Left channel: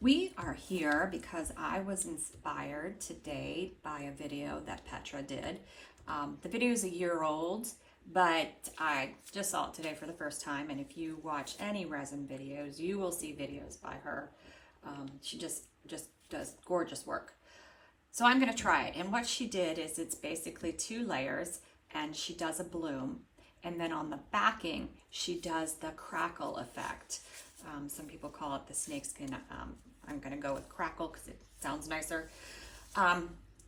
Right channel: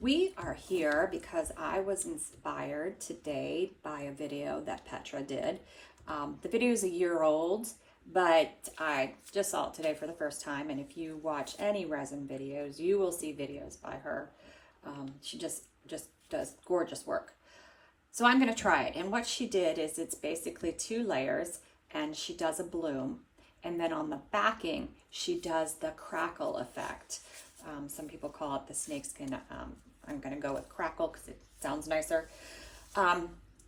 We are here because I was inspired today by a video that Petra did. The video is a year old, but I just saw it today for the first time. And if you watch any resin videos, you will see videos by her. She just does gorgeous work. So I'm going to try it. And what she did is it's basically 2 layers, and she does a bloom. And then on the backing, she does the crackle effect. Some people call it the snakeskin. I'm going to go with crackle because it sounds nicer.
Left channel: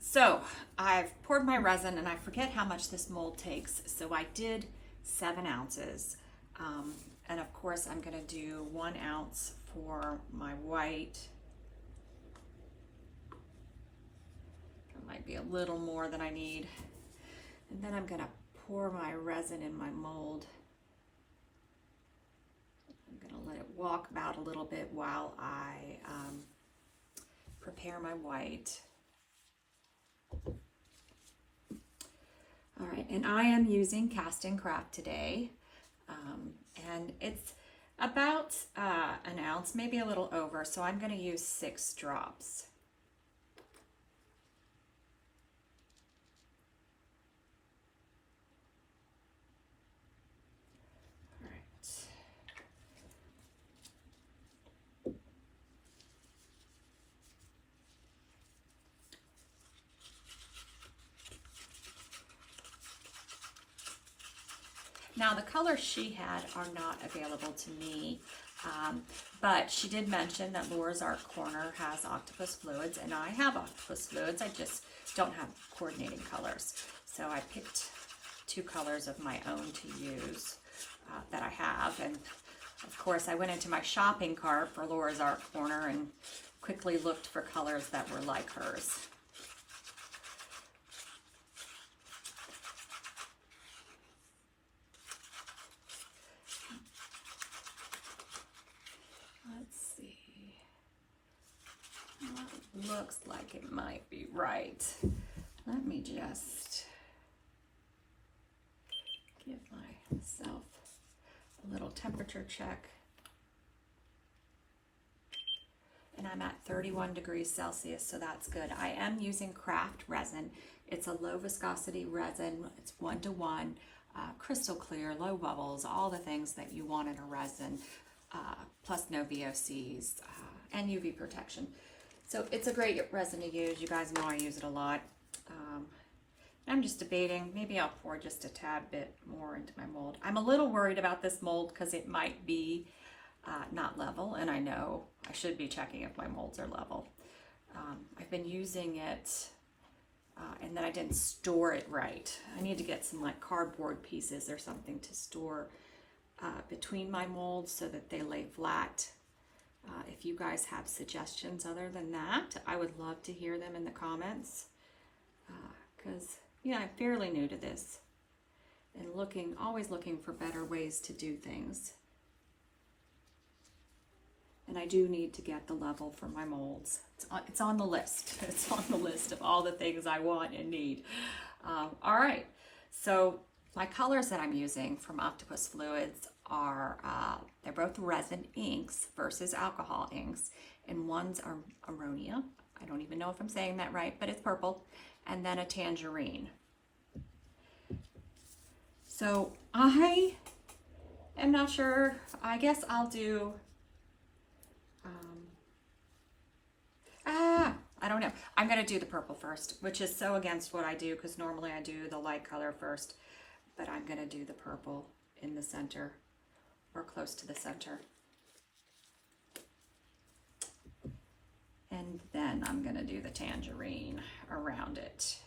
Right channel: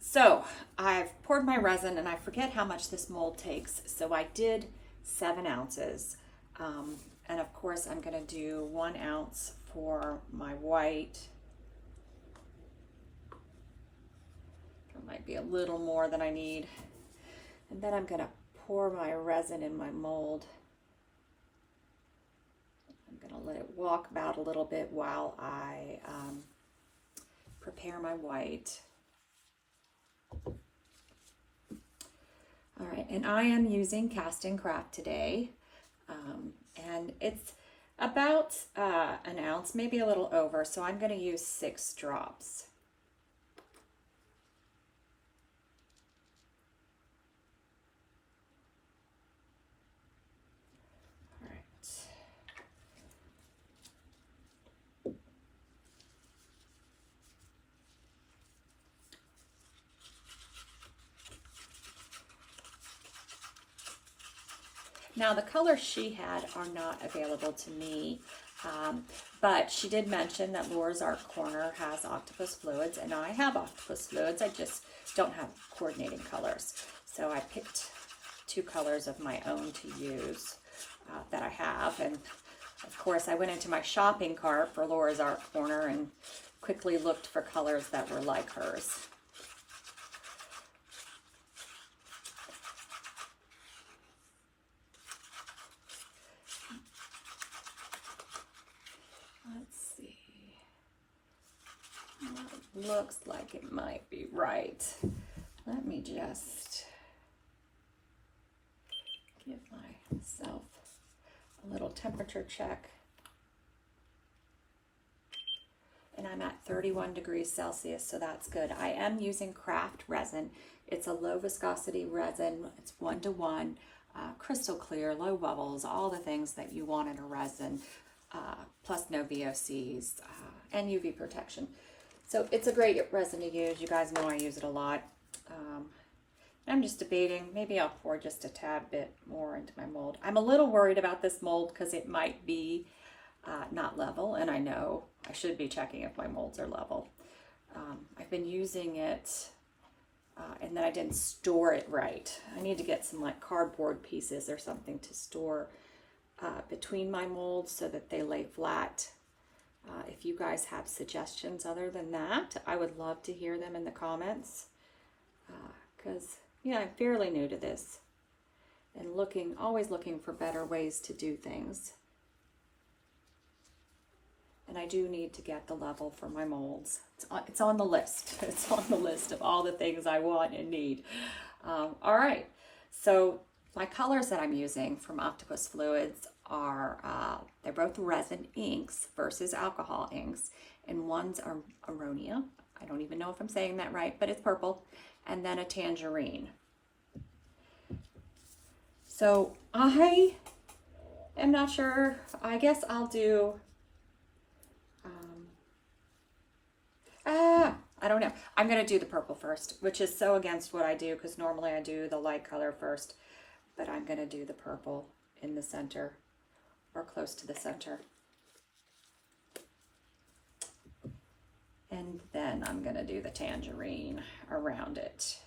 So I've poured my resin, and I forget how much this mold takes. So I did 7 ounces. And of course, I'm going to do 1 ounce for my white. There might be a little more than I need. And then I'm going to pour my resin in my mold. I'm going to let it walk about a little bit while I prepare my white. All right, and I am using Cast and Craft today, and it's about 1 ounce, maybe a little over, so I'm going to use 6 drops. Now the colors she had are not available to me, but she did mention that Laura's Art Corner has octopus fluids, and I have octopus fluids. I just don't have coordinating colors. So I picked 2 colors of my own to use that I have. And of course I went into my shopping cart for Laura's Art Corner and quickly looked for colors that were like hers. Looks like it might be right. Let me just give myself a little temperature check. And I'm at 31 degrees Celsius, so that's good. I am using craft resin. It's a low viscosity resin. It's 1-to-1, crystal clear, low bubbles, all the things that you want in a resin, plus no VOCs and UV protection. So it's a great resin to use. You guys know I use it a lot. I'm just debating, maybe I'll pour just a tad bit more into my mold. I'm a little worried about this mold because it might be not level, and I know I should be checking if my molds are level. I've been using it and then I didn't store it right. I need to get some like cardboard pieces or something to store between my molds so that they lay flat. If you guys have suggestions other than that, I would love to hear them in the comments, because I'm fairly new to this and always looking for better ways to do things. And I do need to get the level for my molds. It's on the list. It's on the list of all the things I want and need. All right, so my colors that I'm using from Octopus Fluids are, they're both resin inks versus alcohol inks, and one's Aronia. I don't even know if I'm saying that right, but it's purple, and then a tangerine. So I am not sure. I guess I'll do, I don't know. I'm going to do the purple first, which is so against what I do because normally I do the light color first, but I'm going to do the purple in the center or close to the center. And then I'm going to do the tangerine around it.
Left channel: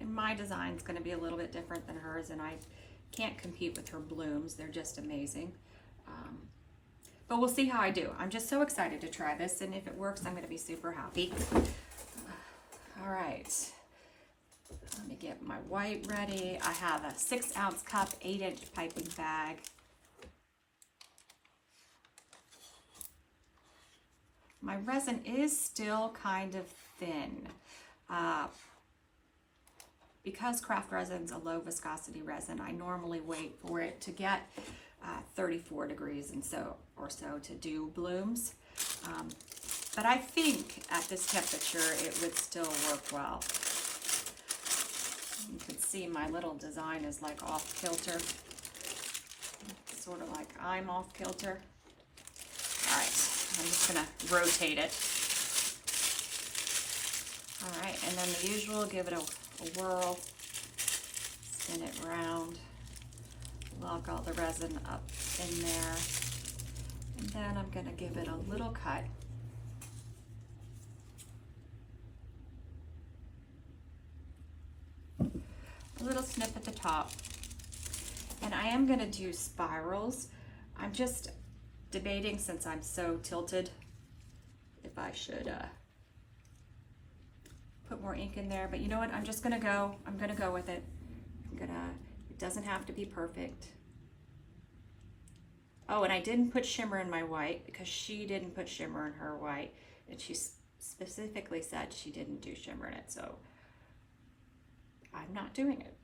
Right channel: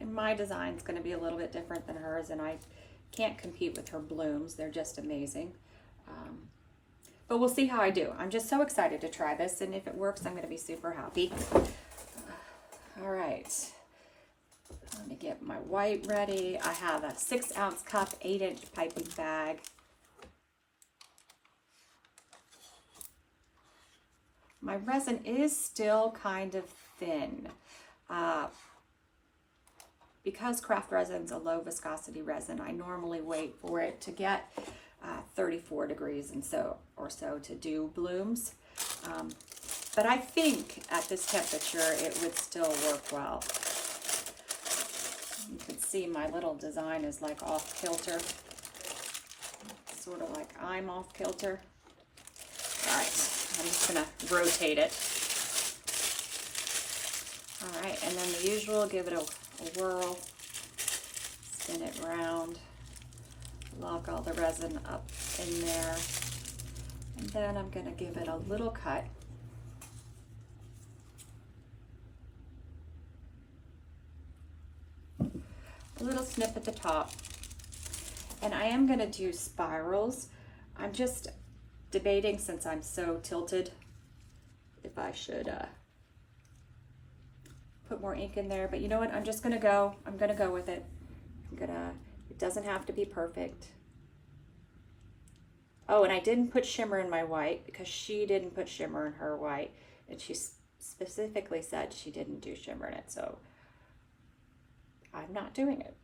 And my design is going to be a little bit different than hers, and I can't compete with her blooms. They're just amazing. But we'll see how I do. I'm just so excited to try this, and if it works, I'm going to be super happy. All right. Let me get my white ready. I have a 6-ounce cup, 8-inch piping bag. My resin is still kind of thin. because craft resin's a low viscosity resin, I normally wait for it to get 34 degrees and so to do blooms. But I think at this temperature it would still work well. You can see my little design is like off kilter, sort of like I'm off kilter. All right, I'm just gonna rotate it. All right, and then the usual, give it a whirl, spin it around, lock all the resin up in there, and then I'm gonna give it a little cut. A little snip at the top, and I am going to do spirals. I'm just debating, since I'm so tilted, if I should put more ink in there, but you know what, I'm going to go with it. It doesn't have to be perfect. Oh, and I didn't put shimmer in my white because she didn't put shimmer in her white, and she specifically said she didn't do shimmer in it, so I'm not doing it.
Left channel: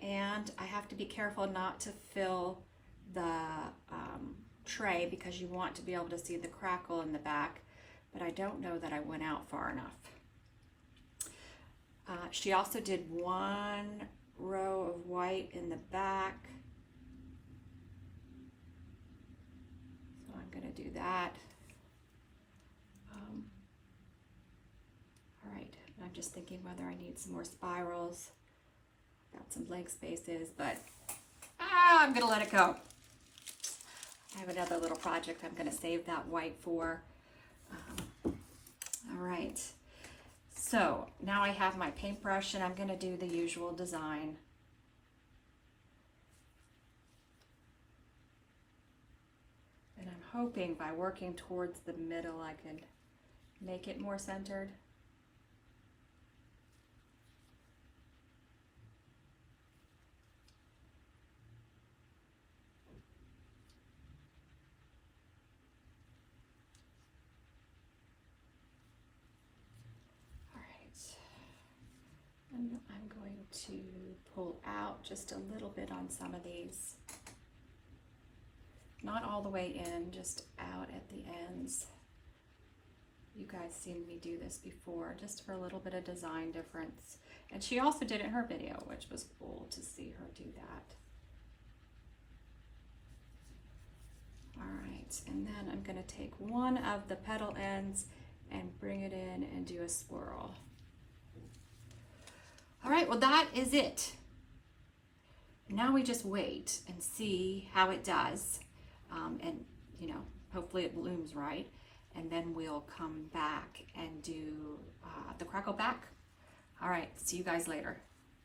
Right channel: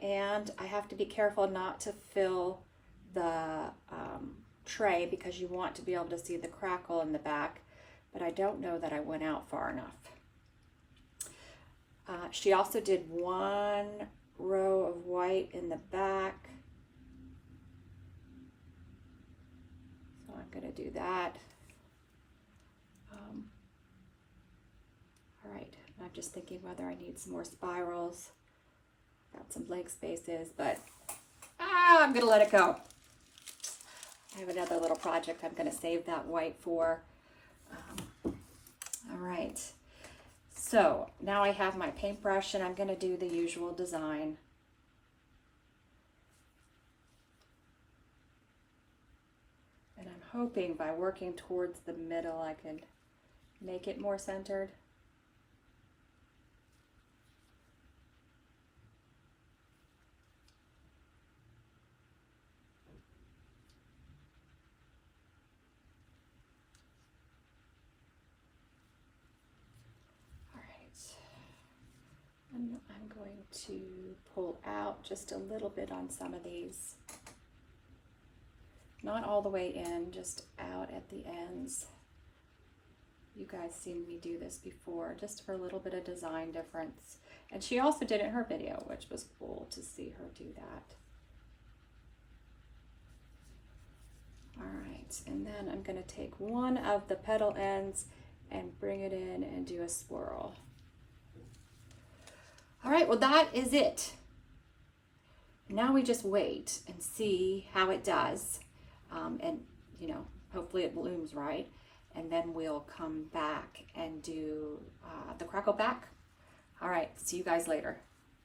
And I have to be careful not to fill the tray because you want to be able to see the crackle in the back, but I don't know that I went out far enough. She also did one row of white in the back, so I'm going to do that. All right. I'm just thinking whether I need some more spirals. Got some blank spaces, but I'm gonna let it go. I have another little project I'm gonna save that white for. All right, so now I have my paintbrush and I'm gonna do the usual design. And I'm hoping by working towards the middle I can make it more centered. And I'm going to pull out just a little bit on some of these. Not all the way in, just out at the ends. You guys seen me do this before, just for a little bit of design difference. And she also did it in her video, which was cool to see her do that. All right, and then I'm gonna take one of the petal ends and bring it in and do a swirl. All right, well that is it. Now we just wait and see how it does. And you know, hopefully it blooms right. And then we'll come back and do the crackle back. All right, see you guys later.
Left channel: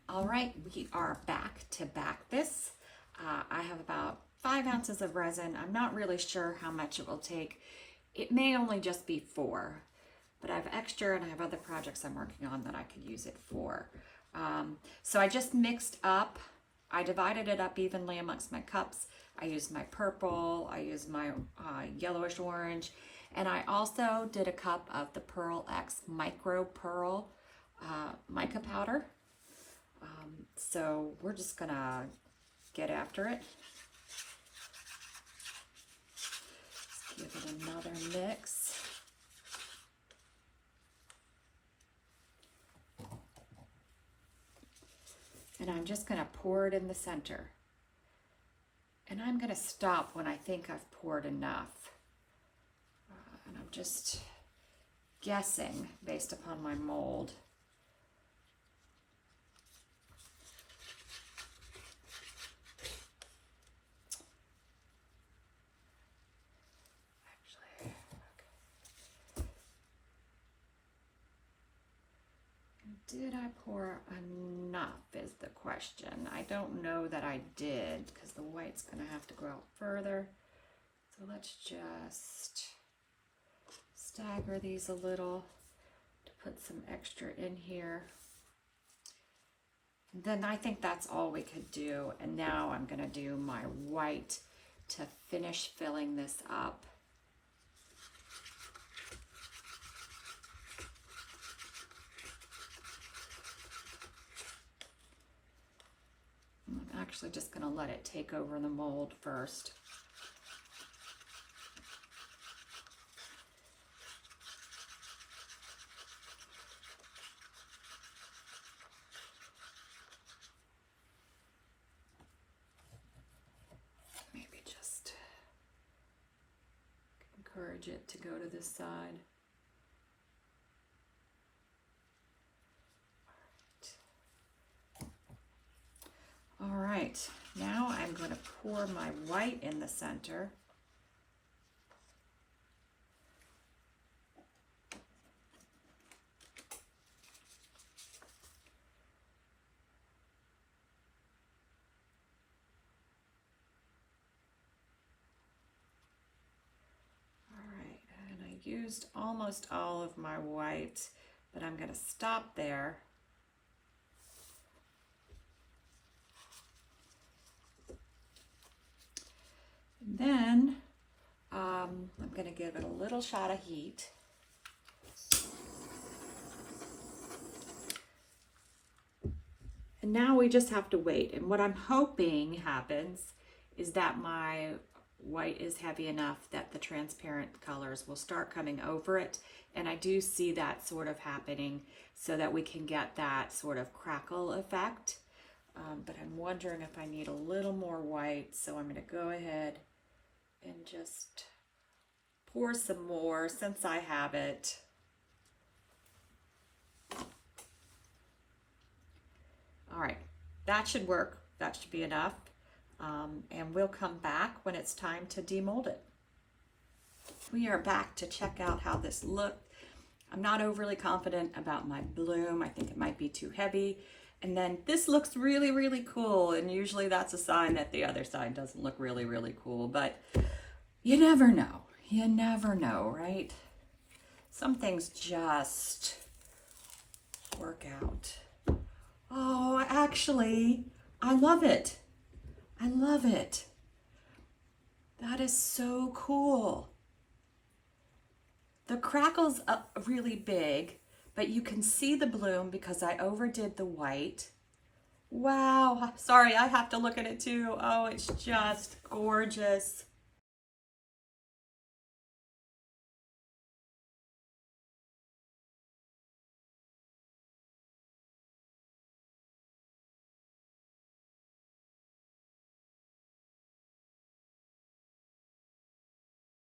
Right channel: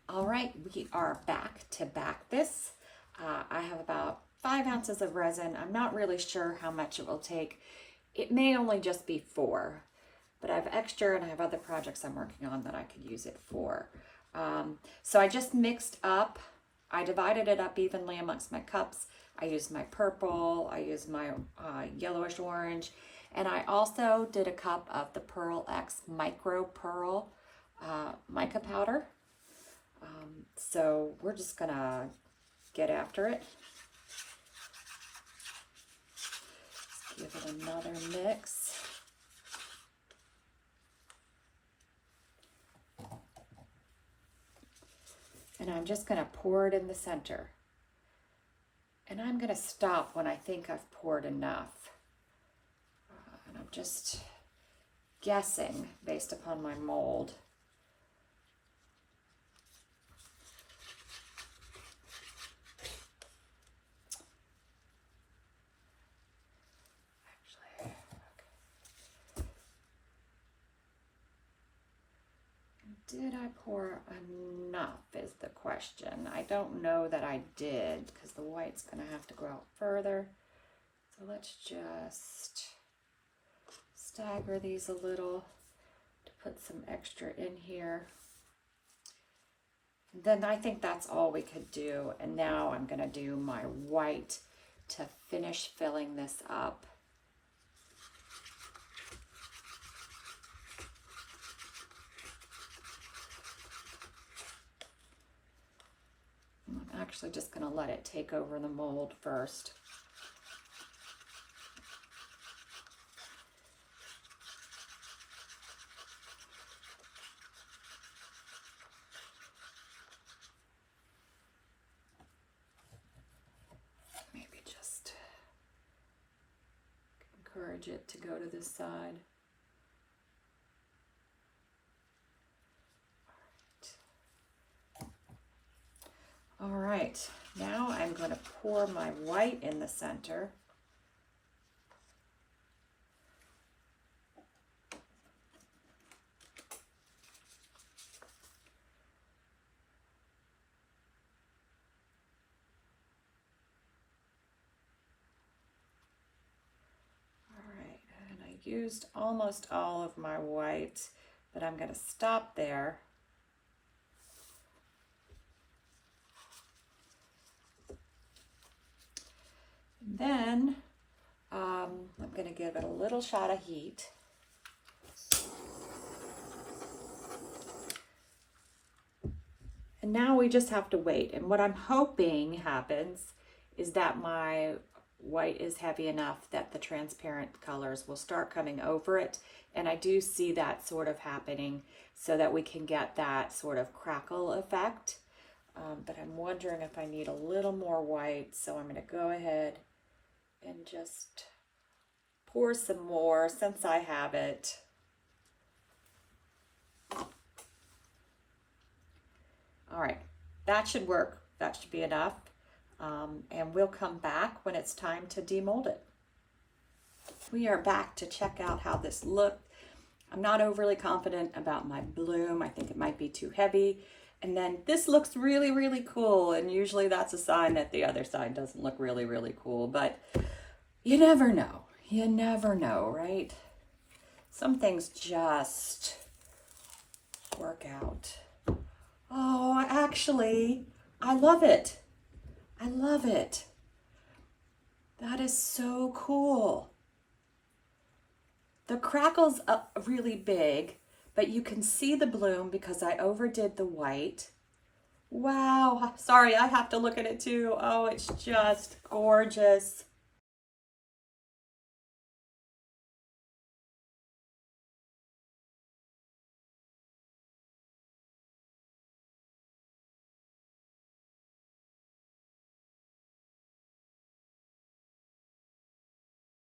All right, we are back to back this. I have about 5 ounces of resin. I'm not really sure how much it will take. It may only just be 4, but I have extra and I have other projects I'm working on that I could use it for. So I just mixed up, I divided it up evenly amongst my cups. I used my purple, I used my yellowish orange, and I also did a cup of the Pearl X Micro Pearl mica powder. So we're just gonna get after it. Let's give it another mix. And I'm just going to pour it in the center. And I'm going to stop when I think I've poured enough. And I'm just guessing based upon my mold. Did I pour enough is the question. I don't know that I did because the white's going to have to go out further. So let's just stagger these a little to put some extra in here. And then I think that's all we could do. And now I'm going to do my white to finish filling this up. actually just going to let it take over the mold first. Maybe just encourage it to go to this side. All right, now I'm going to pour my white in the center. All right, and I used almost all of my white, but I'm going to stop there. Then I'm going to give it a little shot of heat. And now we just have to wait. And what I'm hoping happens is that my white is heavy enough that the transparent colors will start coming over it. And I do see that sort of happening so that we can get that sort of crackle effect. But I'm wondering if I need a little more white. So I'm going to go ahead and just pour some more since I have it. All right, that should work. That should be enough. And we'll come back when it's time to demold it. We are back to check out how this looked. I'm not overly confident about my bloom. I think it might be too heavy. And then this looks really, really cool. And usually that's a sign that the other side doesn't look really, really cool. But you never know. You never know, right? Some things just work out. Oh, actually, I love it. I love it. That is so cool. The crackle's really big, but you can see the bloom because I overdid the white. Wow, sorry, I have to look at it too. Oh, it's just gorgeous.